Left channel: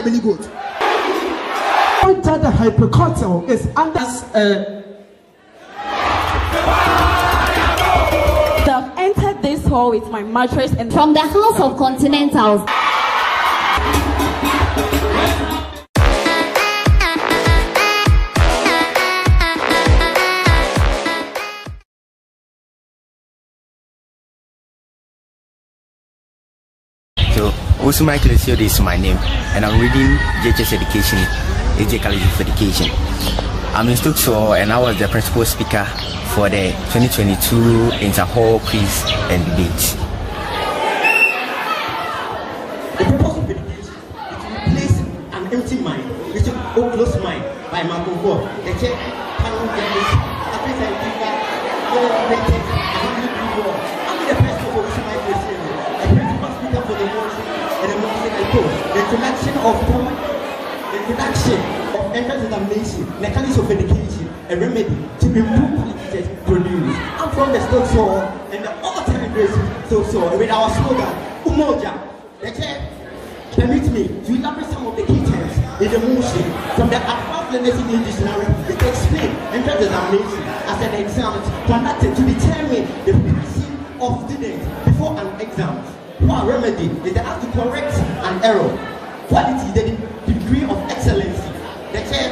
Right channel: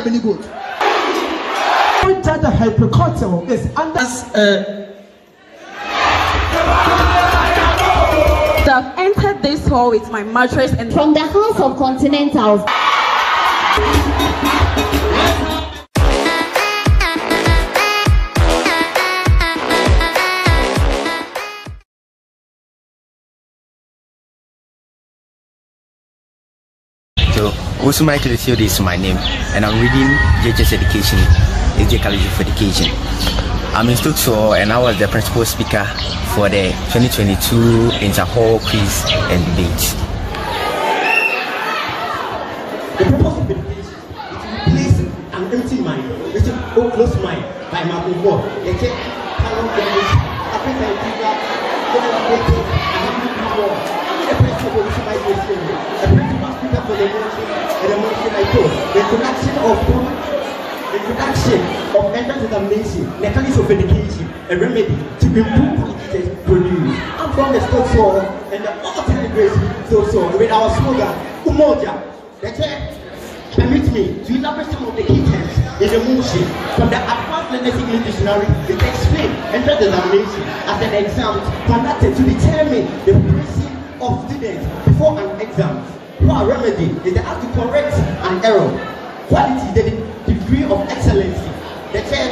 the mini goat. Enter the hypercortical is under. I've entered this hall with my mattress and from the house of Continentals. So, Owusu Micheal, this is my name, and I'm reading JHS Education, Agyei College of Education. I'm in Stokes, and I was the principal speaker for the 2022 Inter-Hall Quiz and Debate. The purpose of education is to replace an empty mind with an closed mind by Marco Ford. The check cannot be used. I think I think that the person of Owusu Micheal, the principal speaker for the motion and the motion I told. The introduction of entrance examination, mechanics of education, a remedy to improve qualities produced. I'm from the Stokes Hall and the all celebration Stokes Hall with our slogan, Umoja. The chair permit me to elaborate some of the key terms in the motion from the Advanced Learners English Dictionary. It explains entrance examination as an exam conducted to determine the proficiency of students before an exam. Our remedy is the act to correct an error. Quality is the degree of excellency. The chair,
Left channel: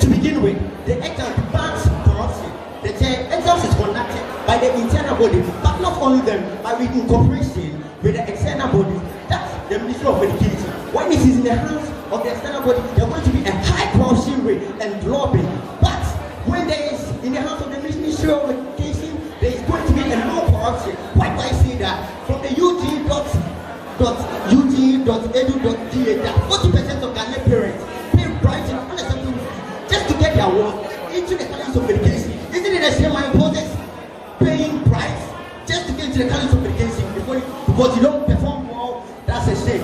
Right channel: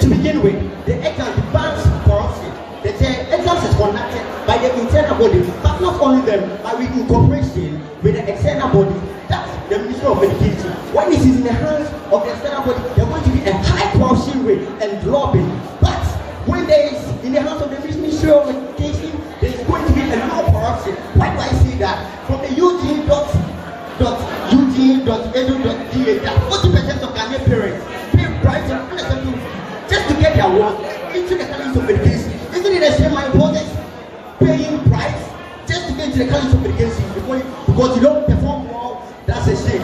to begin with, the exam bans corruption. The chair exams is conducted by the internal body, but not only them, but with cooperation with the external body. That's the Ministry of Education. When it is in the hands of the external body, there's going to be a high corruption rate and lobbying. But when there is in the hands of the Ministry of Education, there is going to be a low corruption. Why do I say that? From the UG.edu.da, 40% of Ghanaian parents pay bribes and unacceptable fees just to get their work into the College of Education. Isn't it a shame my opponents paying bribes just to get into the College of Education because you don't perform well? That's a shame.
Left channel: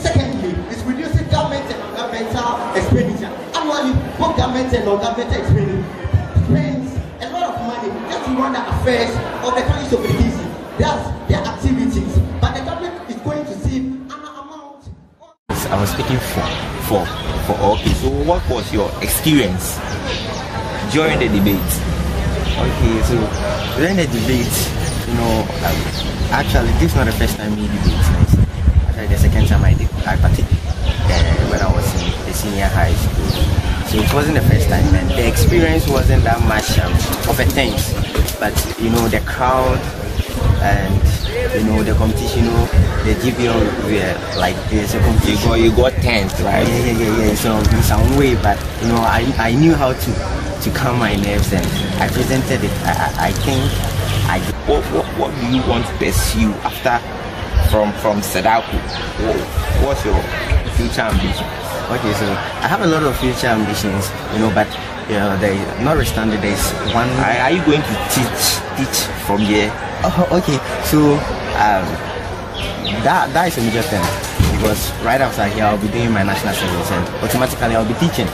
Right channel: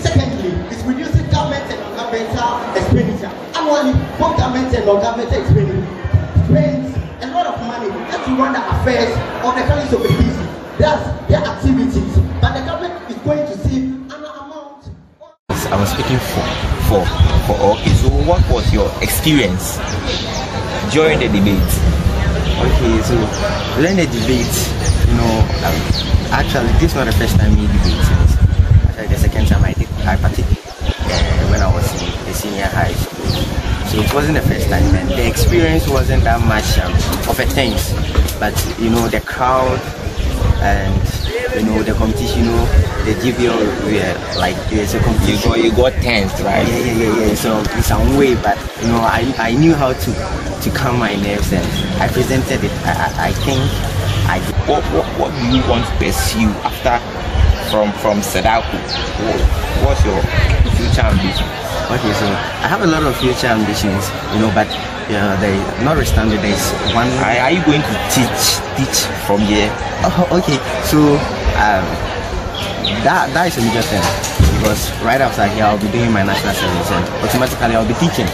Secondly, it's reducing government and non-governmental expenditure. Annually, both government and non-governmental expenditure spends a lot of money just to run the affairs of the College of Education. That's their activities. But the government is going to save an amount. I was speaking for okay. So, what was your experience during the debate? Okay, so during the debate, actually, this is not the first time we debate. Actually, the second time I participated when I was in the senior high school. So it wasn't the first time, and the experience wasn't that much of a thing. But the crowd and the competition, the GBL were like there's a competition. You got tense, right? Yeah. So in some way, but I knew how to calm my nerves, and I presented it. I think what do you want to pursue after from SEDACoE? What's your future ambition? Okay, so I have a lot of future ambitions, but notwithstanding there's one. Are you going to teach from here? Oh, okay. So that is a major thing, because right after here I'll be doing my national service and automatically I'll be teaching.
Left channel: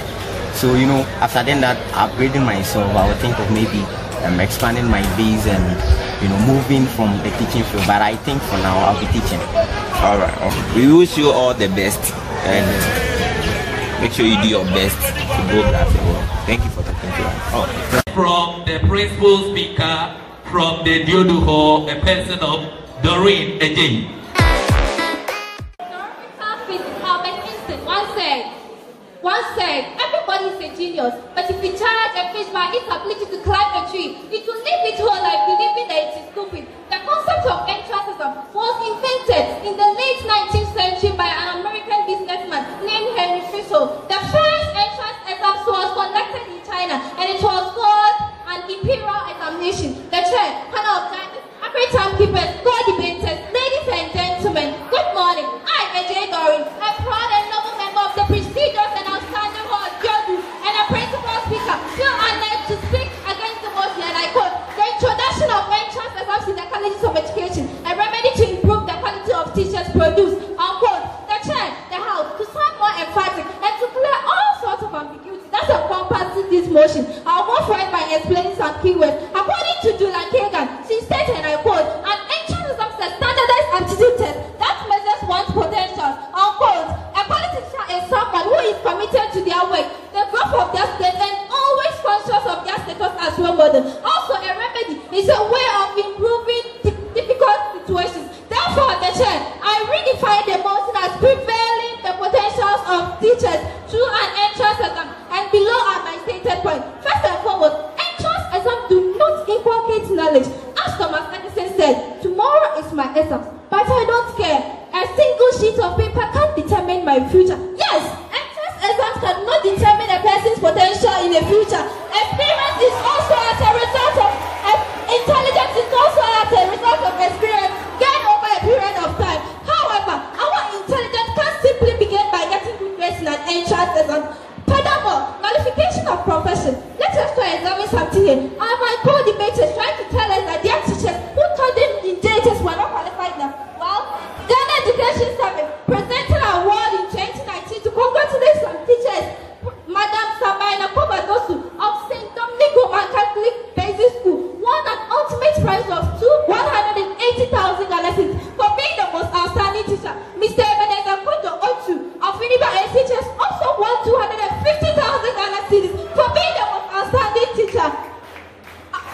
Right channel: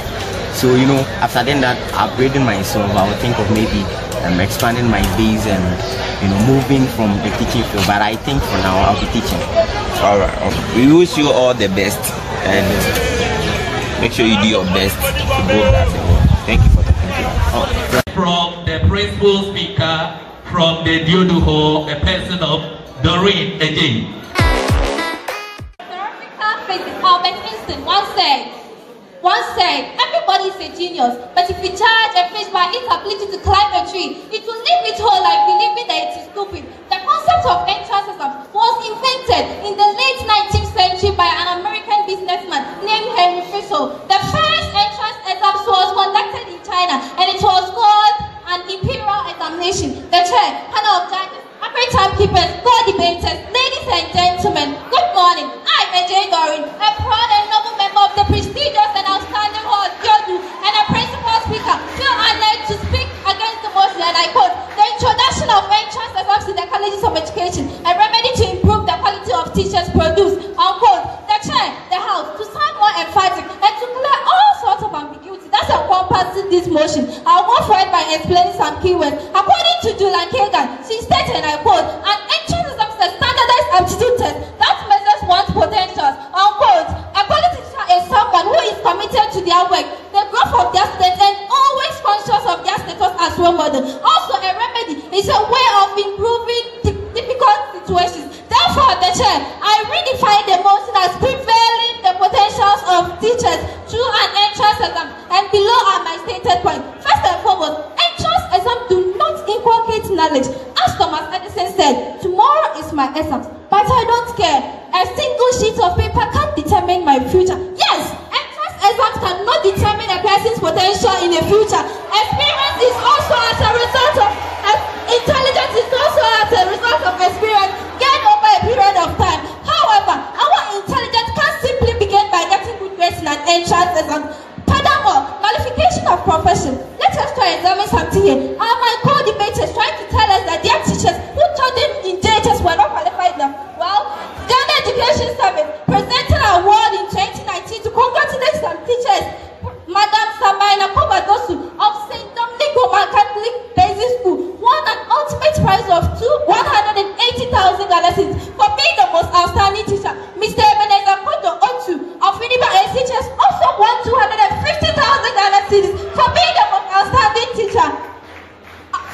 So after then that upgrading myself, I would think of maybe expanding my base and moving from the teaching field. But I think for now I'll be teaching. All right. We wish you all the best, and make sure you do your best to go that way. Thank you for talking to us. From the principal speaker from the DUODU Hall, the person of Doreen, Agyei. Once said, everybody is a genius, but if you charge a fish by its ability to climb a tree, it will live its whole life believing that it is stupid. The concept of entrance exam was invented in the late 19th century by an American businessman named Henry Fisher. The first entrance exam was conducted in China, and it was called an imperial examination. The chair, panel of judges, accurate timekeepers, co-debaters, ladies and gentlemen, good morning. I'm Agyei Doreen, a proud and noble member of the prestigious and outstanding hall DUODU, and a principal speaker. Feel honored to speak against the motion, and I quote, the introduction of entrance exams in the colleges of education, a remedy to improve the quality of teachers produced. Unquote. The chair, the house, to sound more emphatic and to clear all sorts of ambiguity that encompasses this motion, I'll go forward by explaining some keywords. According to Julian Kagan, she stated, and I quote, an entrance exam is a standardized aptitude test that measures one's potentials. Unquote. A quality teacher chair, I redefine the motion as prevailing the potentials of teachers through an entrance exam, and below are my stated points. First and foremost, entrance exams do not inculcate knowledge. As Thomas Edison said, tomorrow is my exam, but I don't care. A single sheet of paper can't determine my future. Yes, entrance exams cannot determine a person's potential in the future. Experience is also as a result of intelligence is also as a result of experience gained over a period of time. However, our intelligence can't simply begin by getting good grades in an entrance exam. Furthermore, qualification of profession. Let us try examine something here. Are my co-debaters trying to tell us that their teachers who taught them in JHS were not qualified enough? Well, Ghana Education Service presented an award in 2019 to congratulate some teachers. Madam Samaina Kobadosu of St. Dominic Roman Catholic Basic School won an ultimate prize of 180,000 Ghana cedis for being the most outstanding teacher. Mr. Emelia of Winnipeg SHS also won 250,000 Ghana cedis for being the most outstanding teacher.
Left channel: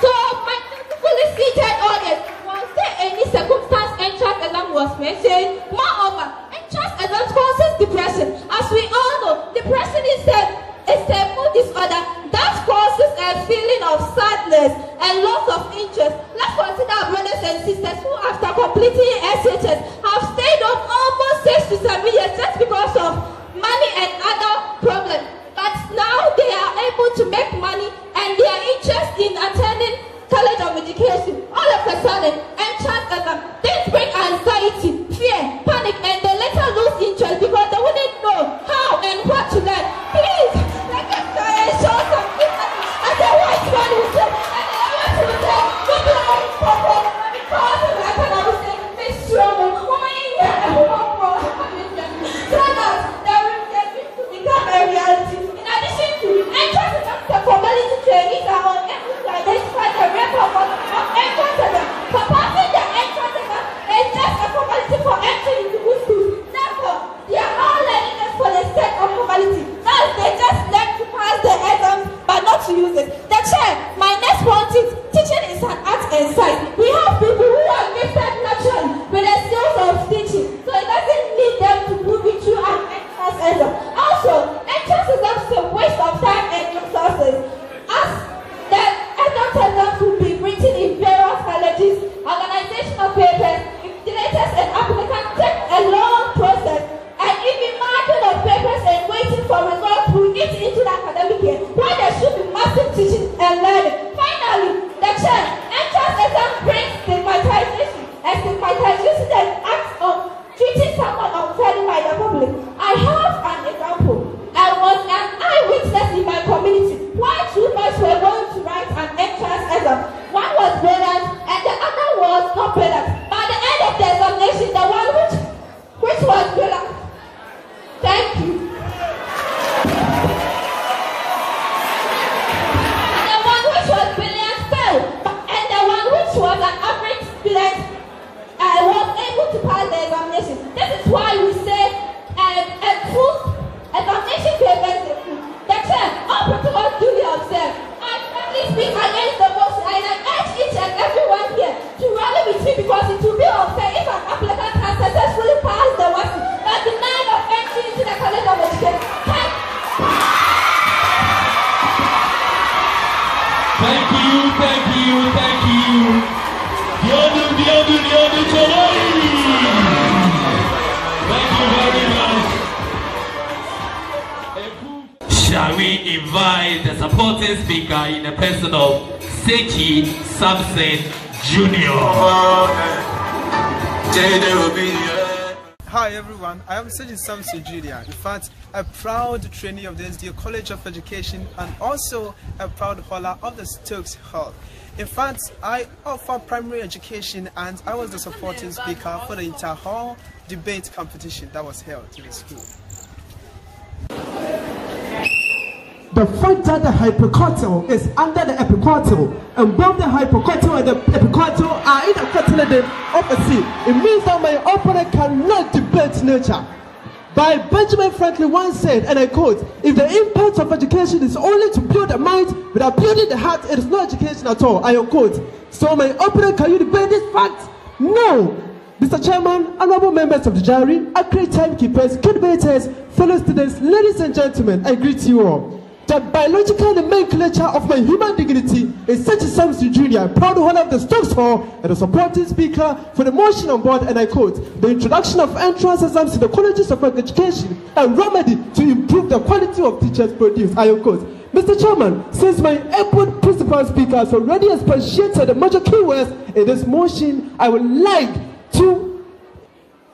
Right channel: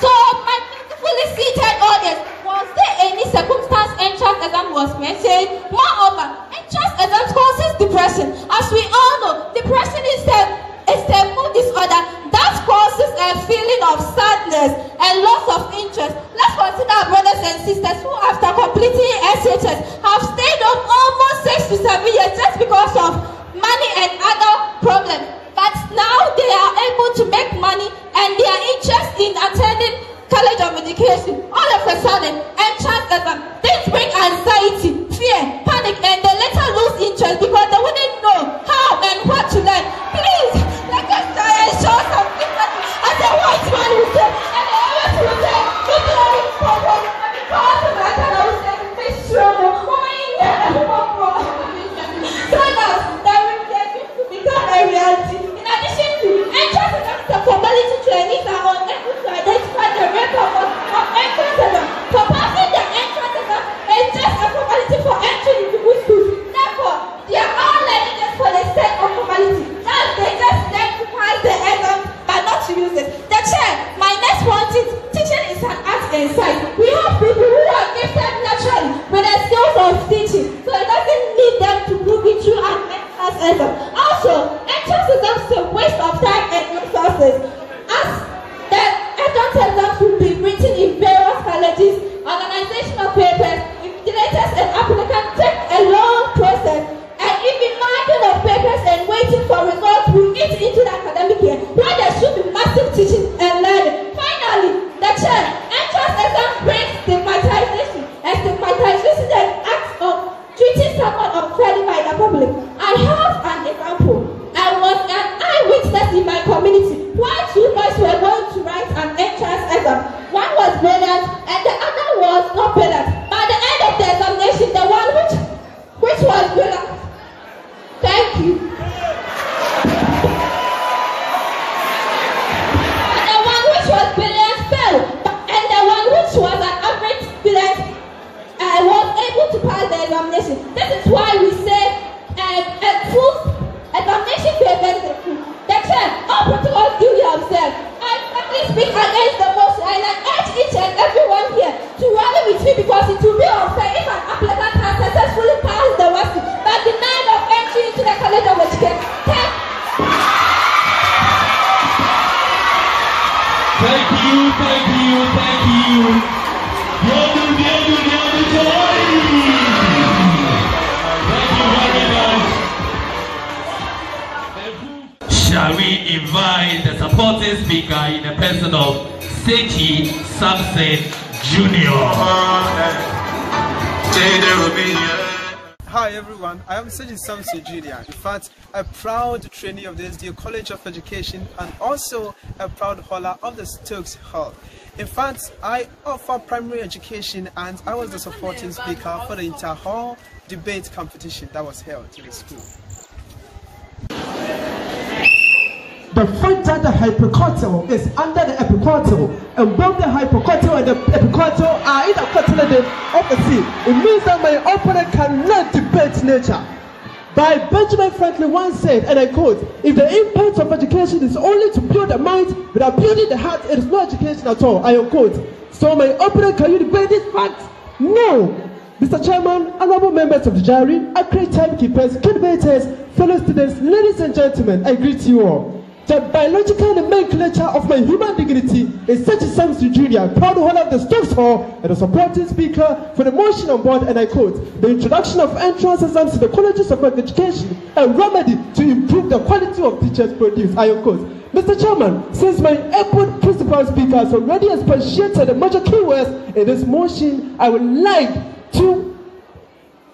So, my beautifully seated audience, was there any circumstance entrance exam was mentioned? Moreover, entrance exams causes depression. As we all know, depression is a mood disorder that causes a feeling of sadness and loss of interest. Let's consider our brothers and sisters who, after completing SHS, have stayed up almost 6 to 7 years just because of money and other problems. But now they are able to make money and their interest in attending College of Education. All of a sudden, entrance exam, things bring anxiety, fear, panic, and they later lose interest because they wouldn't know how and what to learn. Please, let us try and show some difference as a white man would say, and I always would say, good morning, Papa, because of that, and I would say, Miss Serwaa, so that they will get to become a reality. In addition to entrance exam, the formality trainees are unable to identify the real purpose of entrance exam. For passing the entrance exam is just a formality for entry into good schools. Therefore, they are all learning just for the sake of formality. Thus, they just learn to pass the exam but not to use it. The chair, my next point is, teaching is an art and science. We have people who are gifted naturally with the skills of teaching, so it doesn't need them to prove it through an entrance exam. Also, entrance exam is a waste of time and resources, as the entrance exams will be written in various colleges, organizational papers, invigilators and applicants take a long process, and even marking of papers and waiting for results will eat into the academic year, where there should be massive teaching and learning. Finally, the chair, entrance exam brings stigmatization, and stigmatization is an act of treating someone unfairly by the public. I have an example. I was an eyewitness in my community why 2 boys were going to write an entrance exam. One was brilliant and the other was not brilliant. By the end of the examination, the one which was brilliant. Thank you. And the one which was brilliant failed, and the one which was an average student was able to pass the examination. This is why we say full examination papers are full. The chair, all protocols duly observed. I firmly speak against the motion and I urge each and everyone here to rally with me because it will be unfair if an applicant has successfully passed the WASI but denied of entry into the College of Education. Thank you. Shall we invite the supporting speaker in the person of Sakyi Sampson Jnr. Hi everyone, I am Sakyi Sampson Jnr. In fact, a proud trainee of the SDU College of Education and also a proud holder of the Stokes Hall. In fact, I offer primary education and I was the supporting speaker for the inter-hall debate competition that was held in the school. The frontal, the hypocortical, is under the epicortical, and both the hypocortical and the epicortical are either coordinated opposite. It means that my opponent cannot debate nature. By Benjamin Franklin once said, and I quote, "If the impact of education is only to build the mind without building the heart, it is no education at all." I quote. So my opponent, can you debate this fact? No. Mr. Chairman, honorable members of the jury, accurate timekeepers, debaters, fellow students, ladies and gentlemen, I greet you all. The biological nomenclature of my human dignity is Sakyi Sampson Jnr, proud holder of the Stokes Hall and a supporting speaker for the motion on board, and I quote, the introduction of entrance exams to the colleges of education, a remedy to improve the quality of teachers produced, I quote. Mr. Chairman, since my airport principal speaker has already expatiated the major keywords in this motion, I would like to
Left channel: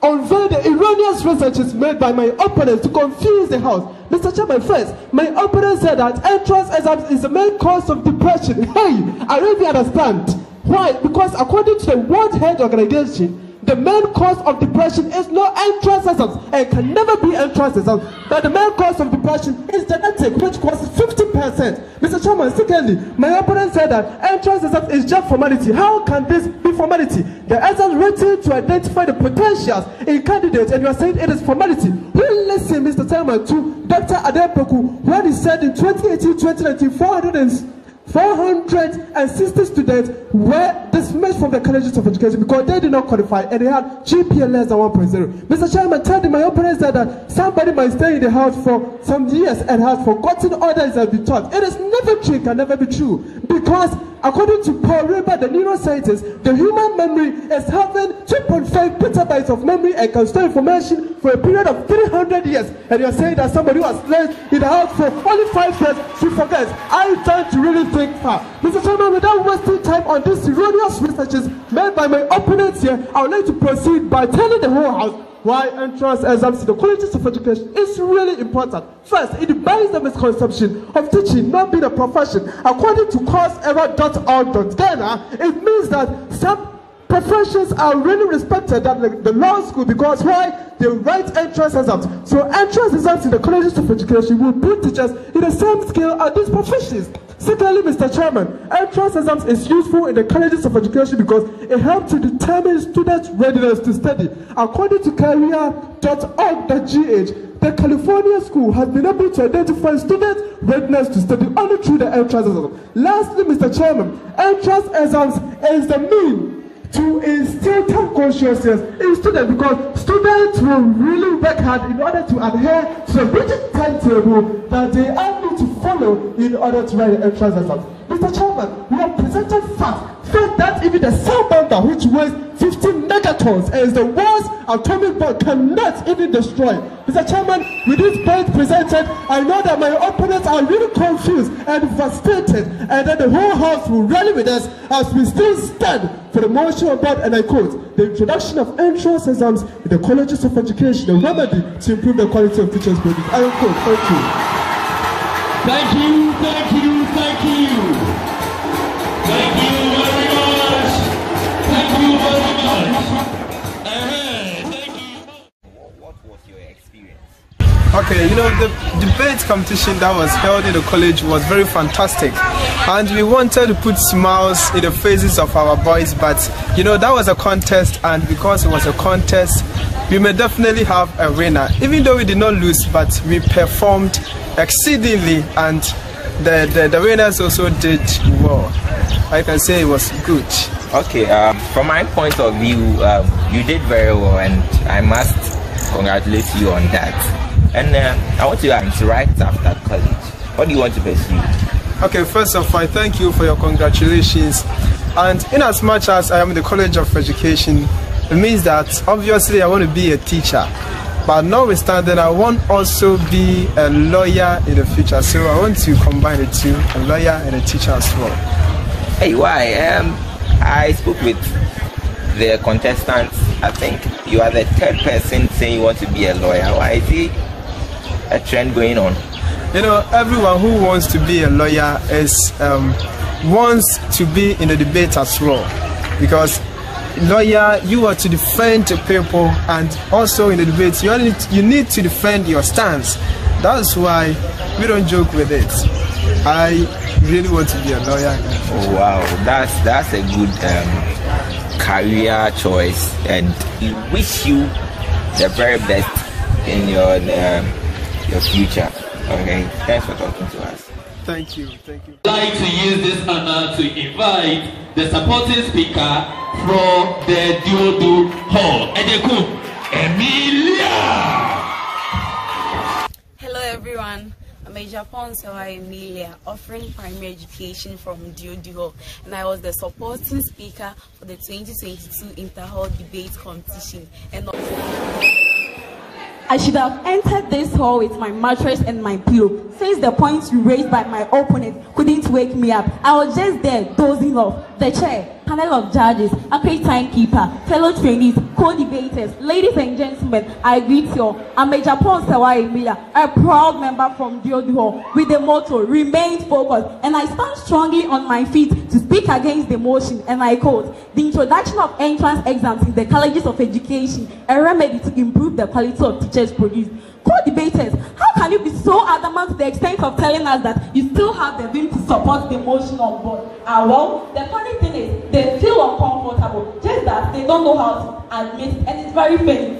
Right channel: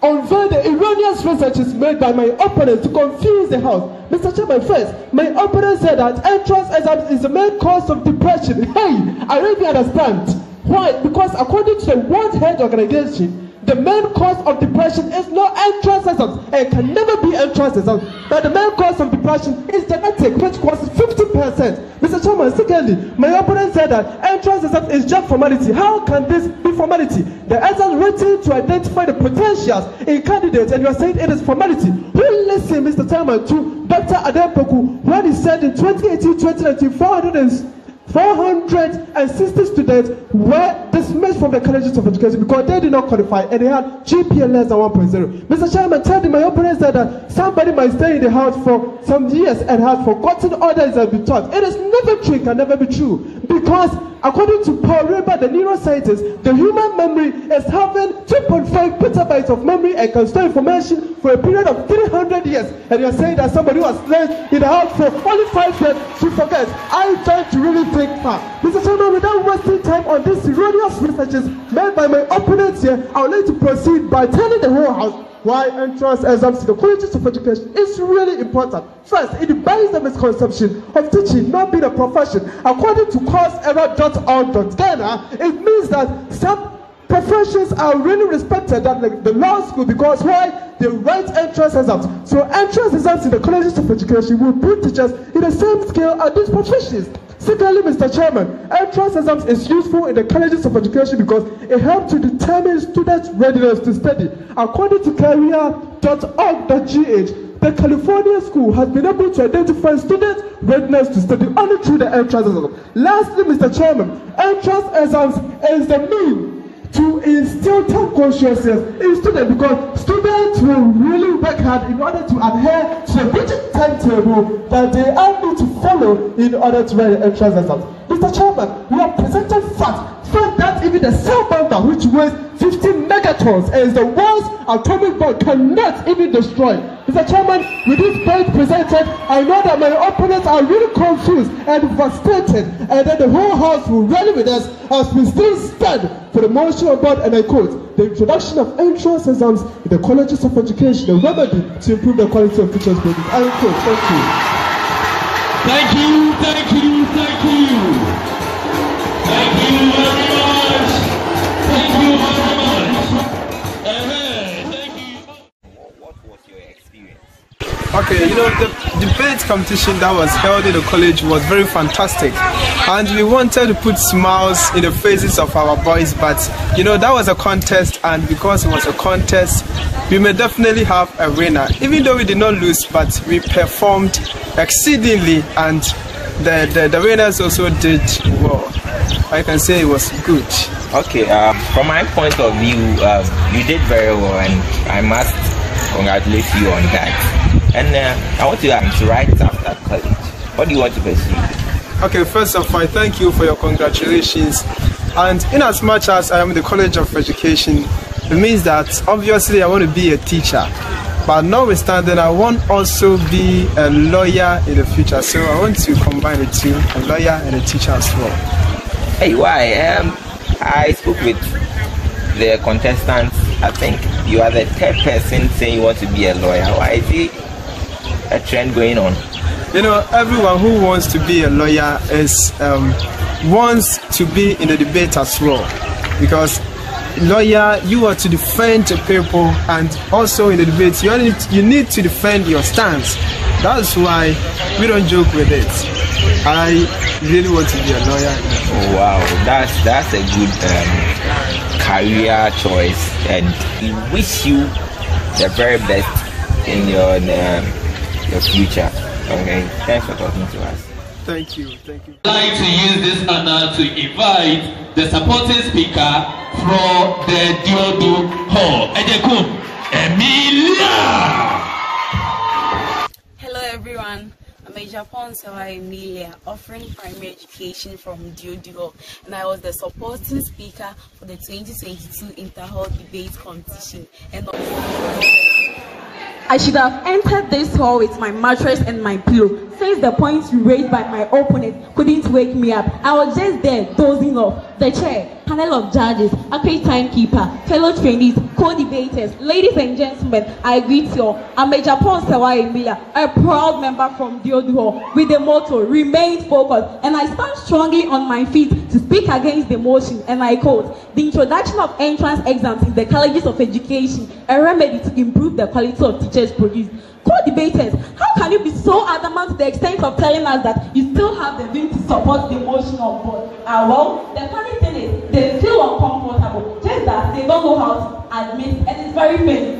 unveil the erroneous researches made by my opponents to confuse the House. Mr. Chairman, first, my opponent said that entrance exams is the main cause of depression. Hey, I really understand. Why? Because according to the World Health Organization, the main cause of depression is not entrance exams and can never be entrance exams. But the main cause of depression is genetic, which causes 50%. Mr. Chairman, secondly, my opponent said that entrance exam is just formality. How can this be formality? The exam written to identify the potentials in candidates, and you are saying it is formality. You listen, Mr. Chairman, to Dr. Darko when he said in 2018-2019, 460 students were dismissed from the colleges of education because they did not qualify and they had GPA less than 1.0. Mr. Chairman, tell my opponent said that somebody might stay in the house for some years and has forgotten all that has been taught. It is never true, it can never be true, because according to Paul Reber, the neuroscientist, the human memory is having 2.5 petabytes of memory and can store information for a period of 300 years. And you're saying that somebody who has lived in the house for only 5 years should forget. I'm trying to really think far. Mr. Chairman, without wasting time on these erroneous researches made by my opponents here, I would like to proceed by telling the whole House why entrance exams to the colleges of education is really important. First, it bans the misconception of teaching not being a profession. According to courseerror.org.Ghana, it means that some professions are really respected at the law school because why? They write entrance exams. So entrance exams in the colleges of education will put teachers in the same scale as these professions. Secondly, Mr. Chairman, entrance exams is useful in the colleges of education because it helps to determine students' readiness to study. According to career.org.gh, the California school has been able to identify students' readiness to study only through the entrance exam. Lastly, Mr. Chairman, entrance exams is the means to instill time consciousness in students because students will really work hard in order to adhere to the rigid timetable that they all need to follow in order to write the entrance exams. Mr. Chairman, we have presented facts that even the cell bomber, which weighs 15 megatons and is the world's atomic bomb, cannot even destroy. Mr. Chairman, with this point presented, I know that my opponents are really confused and frustrated, and that the whole House will rally with us as we still stand for the motion on board, and I quote, the introduction of entrance exams in the colleges of education, a remedy to improve the quality of teachers' training. I quote, thank you. Thank you, thank you, thank you. Thank you very much. Thank you very much. Thank you. What was your experience? Okay, you know, the debate competition that was held in the college was very fantastic, and we wanted to put smiles in the faces of our boys, but you know, that was a contest, and because it was a contest, we may definitely have a winner, even though we did not lose, but we performed exceedingly, and the winners also did well. I can say it was good. Okay, from my point of view, you did very well, and I must congratulate you on that. And I want to right after college. What do you want to pursue? Okay, first of all, thank you for your congratulations. And in as much as I am in the College of Education, it means that obviously I want to be a teacher. But notwithstanding, I want also be a lawyer in the future. So I want to combine the two, a lawyer and a teacher as well. Hey, why? I spoke with the contestants. I think you are the third person saying you want to be a lawyer. Why is it a trend going on? You know, everyone who wants to be a lawyer wants to be in the debate as well, because lawyer, you are to defend the people, and also in the debate you need to defend your stance. That's why we don't joke with it. I really want to be a lawyer. Oh, wow, that's a good career choice, and we wish you the very best in your future. Okay, thanks for talking to us. Thank you. I'd like to use this honor to invite the supporting speaker from the DUODU Hall. Emelia. Hello everyone. I'm Agyapong Emelia, offering primary education from DUODU Hall, and I was the supporting speaker for the 2022 Inter-Hall debate competition. And I should have entered this hall with my mattress and my pillow, since the points raised by my opponent couldn't wake me up. I was just there dozing off. The chair, panel of judges, Agyei timekeeper, fellow trainees, co-debaters, ladies and gentlemen, I greet you all. I'm Agyapong Emilia, a proud member from DUODU Hall, with the motto, remain focused, and I stand strongly on my feet to speak against the motion, and I quote, the introduction of entrance exams in the colleges of education, a remedy to improve the quality of teachers produced. Co-debaters, how can you be so adamant to the extent of telling us that you still have the will to support the motion on board? Well, the funny thing is, they feel uncomfortable, just that they don't know how to admit, and it's very funny.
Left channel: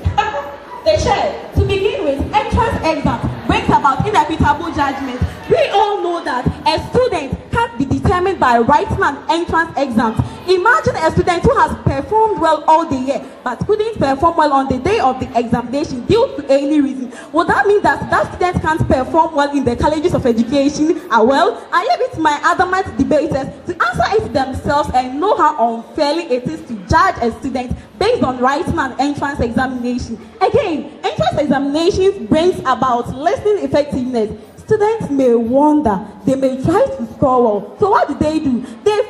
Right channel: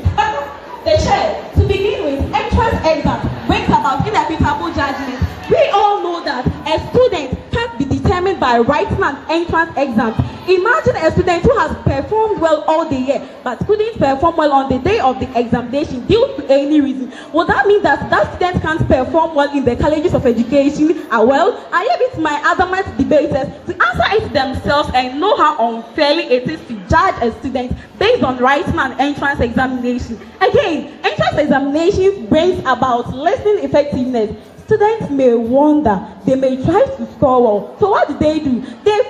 The chair, to begin with, entrance exams brings about inevitable judgment. We all know that a student can't be determined by writing an entrance exam. Imagine a student who has performed well all the year but couldn't perform well on the day of the examination due to any reason. Would that mean that that student can't perform well in the colleges of education? Well, I leave it to my adamant debaters to answer it themselves and know how unfairly it is to judge a student based on writing an entrance examination. Again, entrance examinations brings about listening effectiveness. Students may wonder, they may try to score well. So what do? They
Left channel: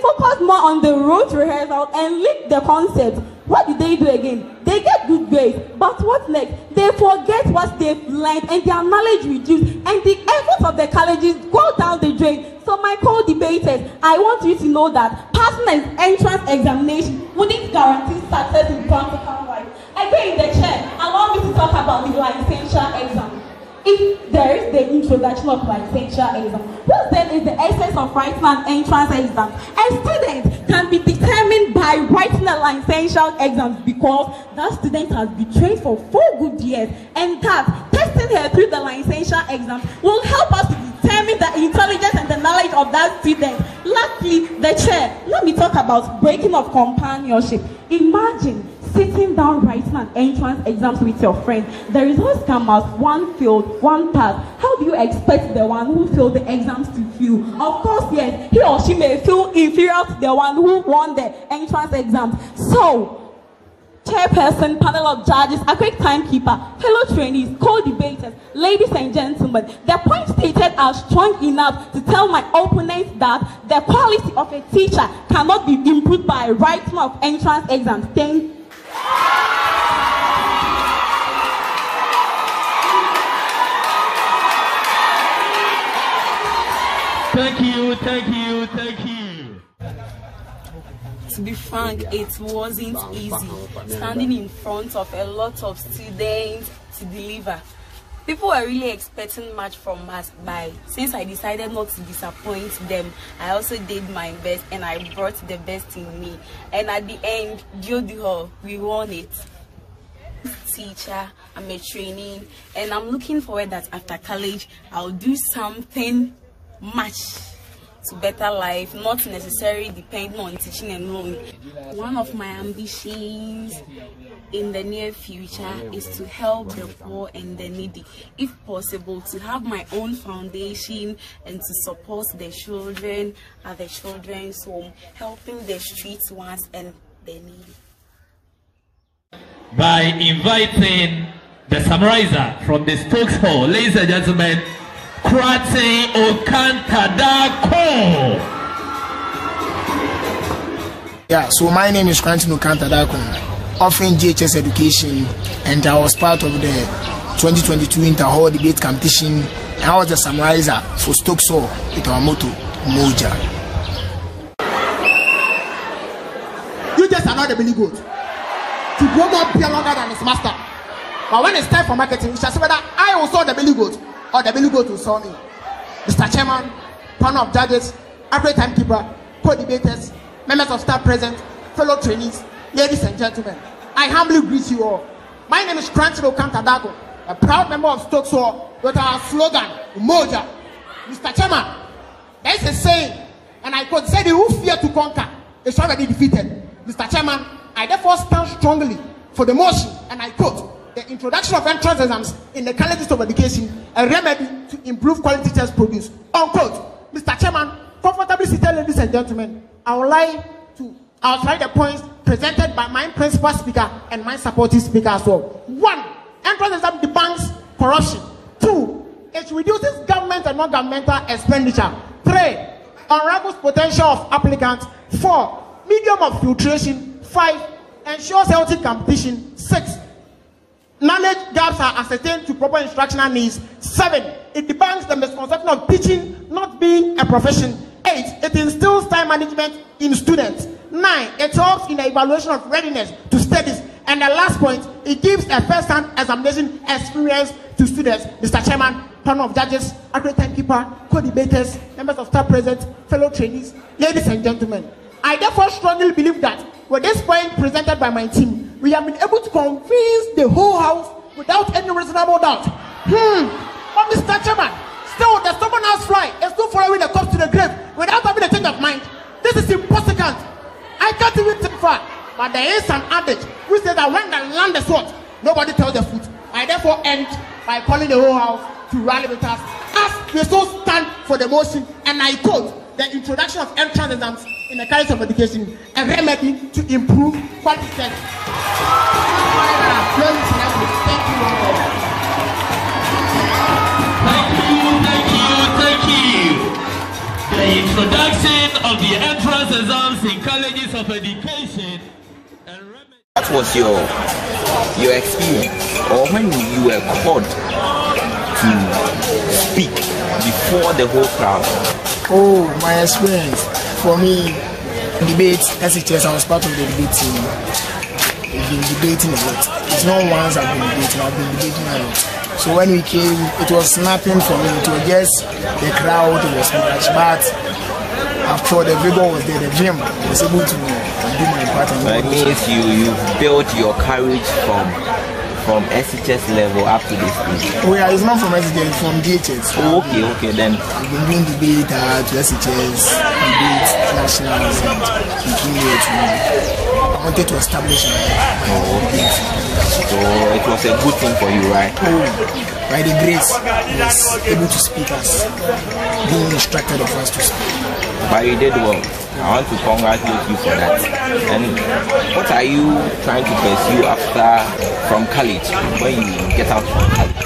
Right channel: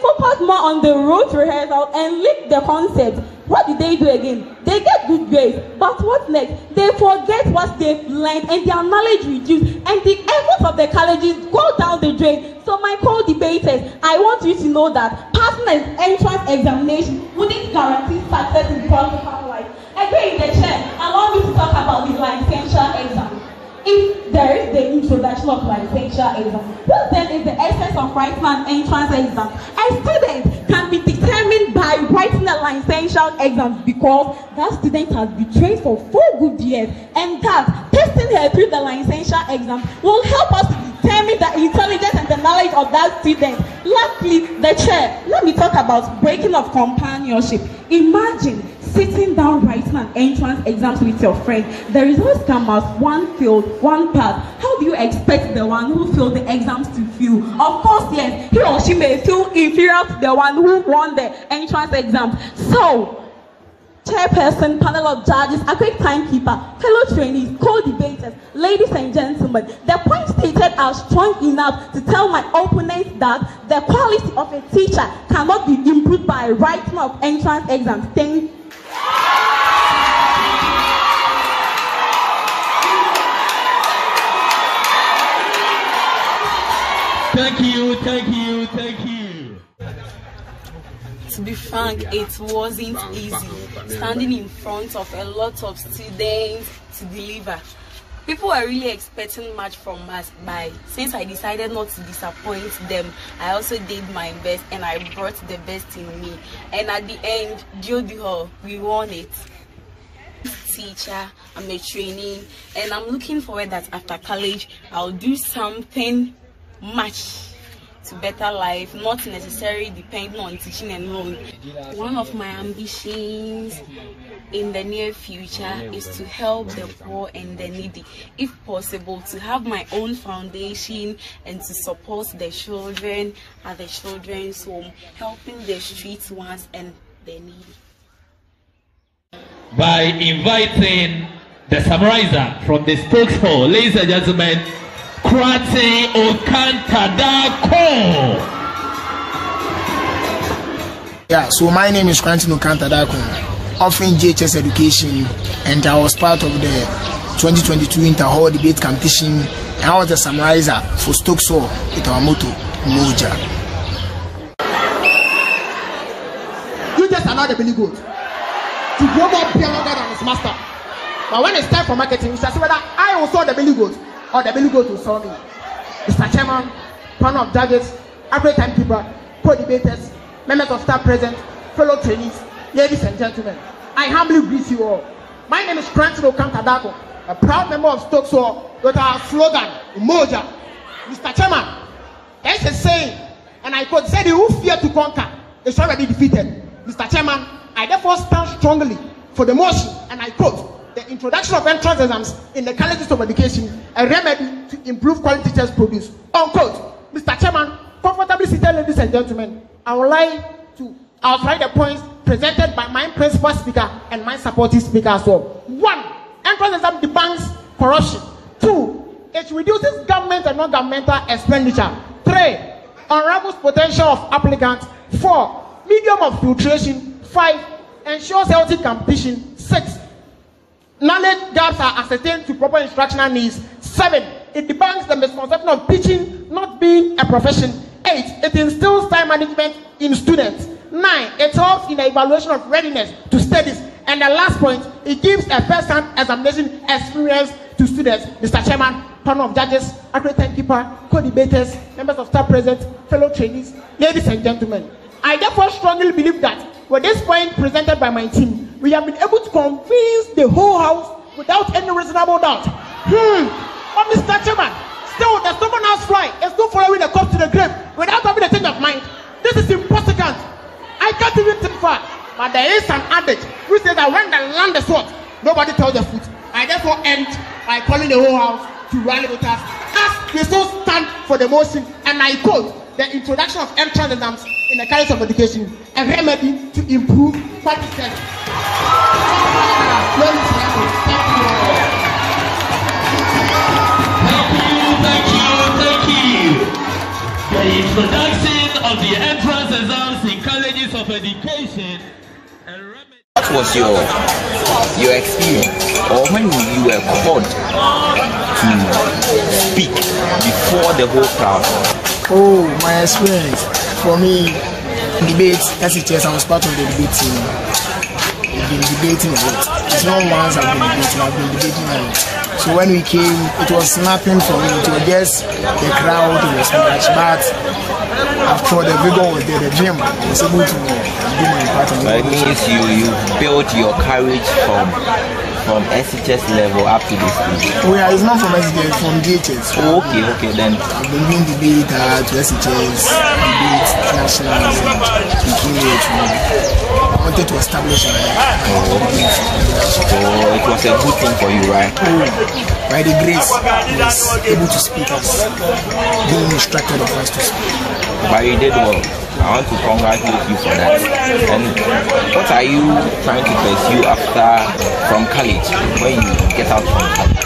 focus more on the rote rehearsal and leak the concept. What do again? They get good grades, but what next? They forget what they've learned and their knowledge reduced, and the efforts of the colleges go down the drain. So my co-debaters, I want you to know that passing an entrance examination wouldn't guarantee success in practical life. Again, the chair, allow me to talk about the licensure exam. If there is the introduction of licensure exam, what then is the essence of writing an entrance exam? A student can be determined by writing a licensure exam because that student has been trained for 4 good years, and that testing her through the licensure exam will help us to determine the intelligence and the knowledge of that student. Lastly, the chair, let me talk about breaking of companionship. Imagine sitting down writing an entrance exam with your friend. The results come out, one failed, one passed. How do you expect the one who failed the exams to feel? Of course, yes, he or she may feel inferior to the one who won the entrance exam. So, chairperson, panel of judges, Agyei timekeeper, fellow trainees, co-debaters, ladies and gentlemen, the points stated are strong enough to tell my opponents that the quality of a teacher cannot be improved by writing of entrance exams. Thank you. Thank you. To be frank, it wasn't easy standing in front of a lot of students to deliver. People were really expecting much from us, but since I decided not to disappoint them, I also did my best and I brought the best in me. And at the end, DUODU Hall, we won it. Teacher, I'm a trainee, and I'm looking forward that after college, I'll do something much to better life, not necessarily depending on teaching alone. One of my ambitions in the near future is to help the poor and the needy, if possible, to have my own foundation and to support the children at the children's home, helping the street ones and the needy. By inviting the summarizer from the Stokes Hall, ladies and gentlemen, Koranteng Okanta Darko. Yeah, so my name is Koranteng Okanta Darko, offering JHS education, and I was part of the 2022 Inter-Hall debate competition, and I was the summarizer for Stokes Hall with our motto, Moja. You just allow the belly goat to grow more beer longer than his master. But when it's time for marketing, we shall see whether I will saw the belly goat or the belly goat will saw me. Mr. Chairman, panel of judges, Agyei timekeeper, co-debaters, members of staff present, fellow trainees, ladies and gentlemen, I humbly greet you all. My name is Koranteng Okanta Darko, a proud member of Stokes Hall with our slogan, Moja. Mr. Chairman, there is a saying, and I quote, said, "Who fear to conquer is already defeated. Mr. Chairman, I therefore stand strongly for the motion, and I quote, the introduction of entrance exams in the colleges of education, a remedy to improve quality teachers produce. Unquote. Mr. Chairman, comfortably seated ladies and gentlemen, I would like to outline the points presented by my principal speaker and my supporting speaker as well. 1. Entrance exam debunks corruption. 2. It reduces government and non-governmental expenditure. 3. Unravels potential of applicants. 4. Medium of filtration. 5. Ensures healthy competition. 6. Knowledge gaps are ascertained to proper instructional needs. 7. It debunks the misconception of teaching not being a profession. 8. It instills time management in students. 9. It helps in the evaluation of readiness to studies. And the last point, it gives a first-hand examination experience to students. Mr. Chairman, panel of judges, accurate timekeeper, co-debaters, members of staff present, fellow trainees, ladies and gentlemen, I therefore strongly believe that with this point presented by my team, we have been able to convince the whole house without any reasonable doubt. Oh, Mr. Chairman, still the stubborn-ass fly is still following the corpse to the grave without having a change of mind. This is impossible. I can't even think far. But there is an adage which says that when the land is hot, nobody tells the foot. I therefore end by calling the whole house to rally with us as they so stand for the motion, and I quote, the introduction of entrance exams in the college of education, a remedy to improve quality tests. Thank you. The introduction of the entrance exams in colleges of education. What was your experience, or when you were called to speak before the whole crowd? Oh, my experience. For me, debate, SHS, I was part of the debate team. We've been debating a lot. It's not once I've been debating, I've been debating a lot. So when we came, it was nothing for me. It was just the crowd was much, but after the vigor was there, the dream was able to do my part. But it means you built your courage from SHS level up to this stage. Oh yeah, it's not from SHS, it's from DHS. Oh, okay, then. I've been doing debate to SHS, debate, nationals, and I wanted to establish my debate. So it was a good thing for you, right? Oh, by the grace, I was able to speak as being instructed of us to speak. But you did well. I want to congratulate you for that. And what are you trying to pursue from college, when you get out from college?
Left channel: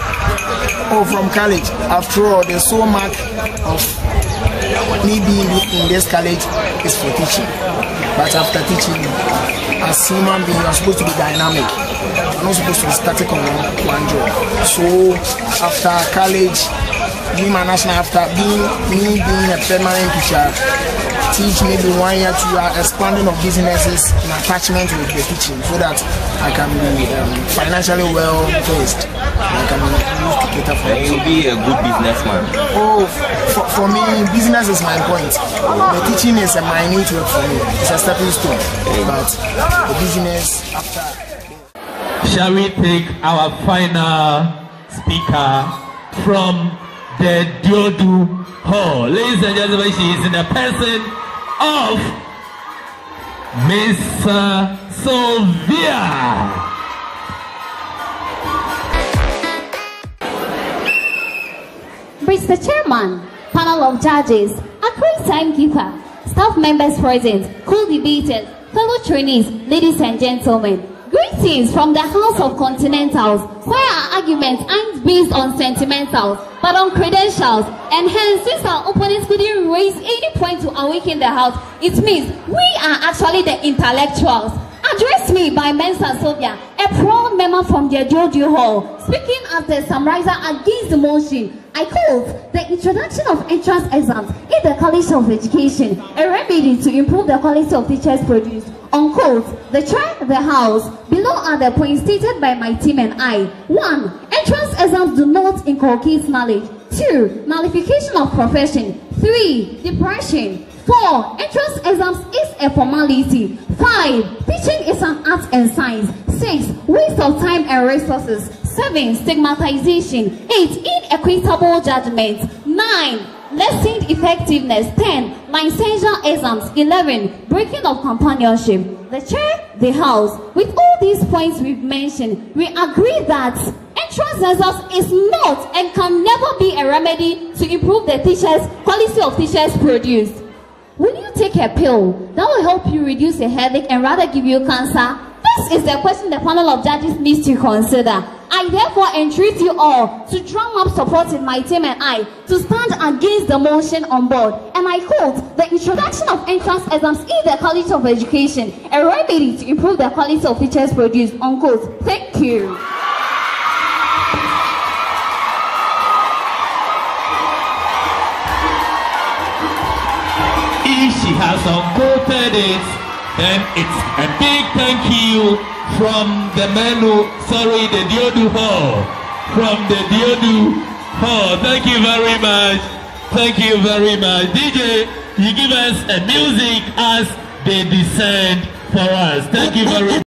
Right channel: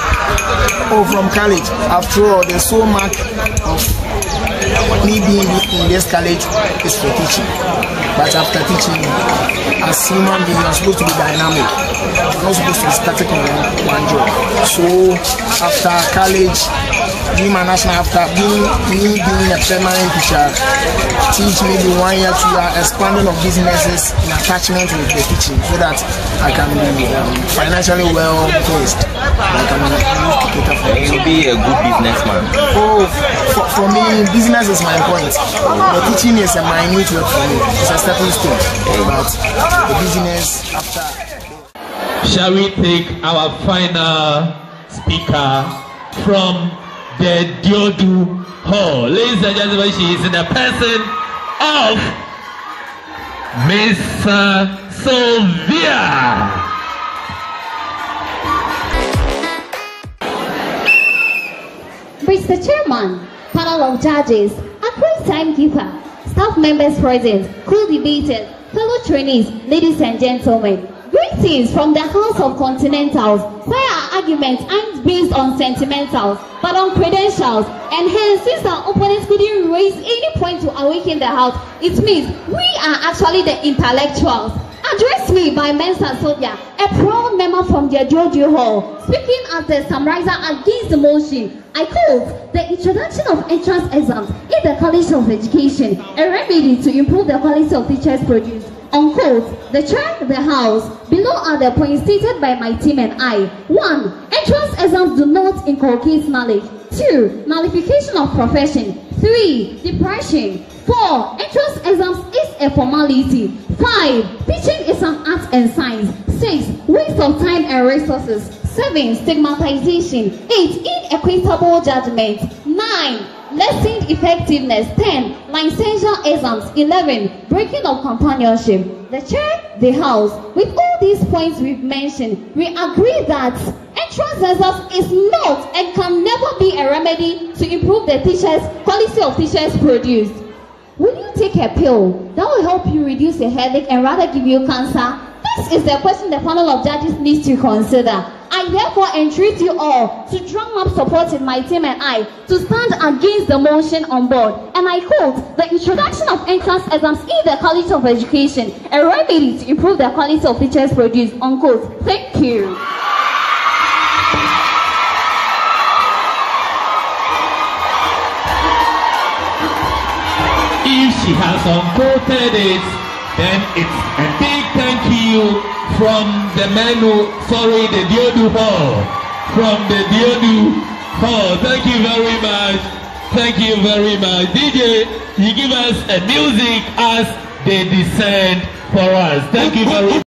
Oh, from college. After all, there's so much of me being in this college is for teaching. But after teaching, as human beings, you are supposed to be dynamic. You're not supposed to be static on one job. So after college, being my national, after being a permanent teacher, teach maybe 1 year, 2 years, expanding of businesses in attachment with the teaching, so that I can be financially well placed. I can use to cater for. You'll be a good businessman. Oh, for me, business is my point. The teaching is a minute work for me. It's a stepping stone. But the business after. Shall we take our final speaker from the DUODU Hall? Ladies and gentlemen, she is in the person of Miss Sylvia. Mr. Chairman, panel of judges, accurate timekeeper, staff members present, co-debaters, fellow trainees, ladies and gentlemen, greetings from the House of Continentals, where our arguments aren't based on sentimentals, but on credentials, and hence, since our opponents couldn't raise any point to awaken the House, it means we are actually the intellectuals. Address me by Mensah Sylvia, a proud member from the DUODU Hall, speaking as the summarizer against the motion. I quote, the introduction of entrance exams in the College of Education, a remedy to improve the quality of teachers produced. Unquote, the chair, the house. Below are the points stated by my team and I. 1. Entrance exams do not inculcate knowledge. 2. Nullification of profession. 3. Depression. 4. Entrance exams is a formality. 5. Teaching is an art and science. 6. Waste of time and resources. 7. Stigmatization. 8. Inequitable judgment. 9. lessened effectiveness. 10. Licensure exams. 11. Breaking of companionship. The chair, the house. With all these points we've mentioned, we agree that entrance exams is not and can never be a remedy to improve the quality of teachers produced. Will you take a pill that will help you reduce a headache and rather give you cancer? This is the question the panel of judges needs to consider. I therefore entreat you all to drum up support in my team and I to stand against the motion on board. And I quote, the introduction of entrance exams in the College of Education, a remedy to improve the quality of teachers produced, unquote. Thank you. If she has unquoted it, then it's a big thank you from the the DUODU Hall. From the DUODU Hall. Thank you very much. Thank you very much. DJ, you give us a music as they descend for us. Thank you very much.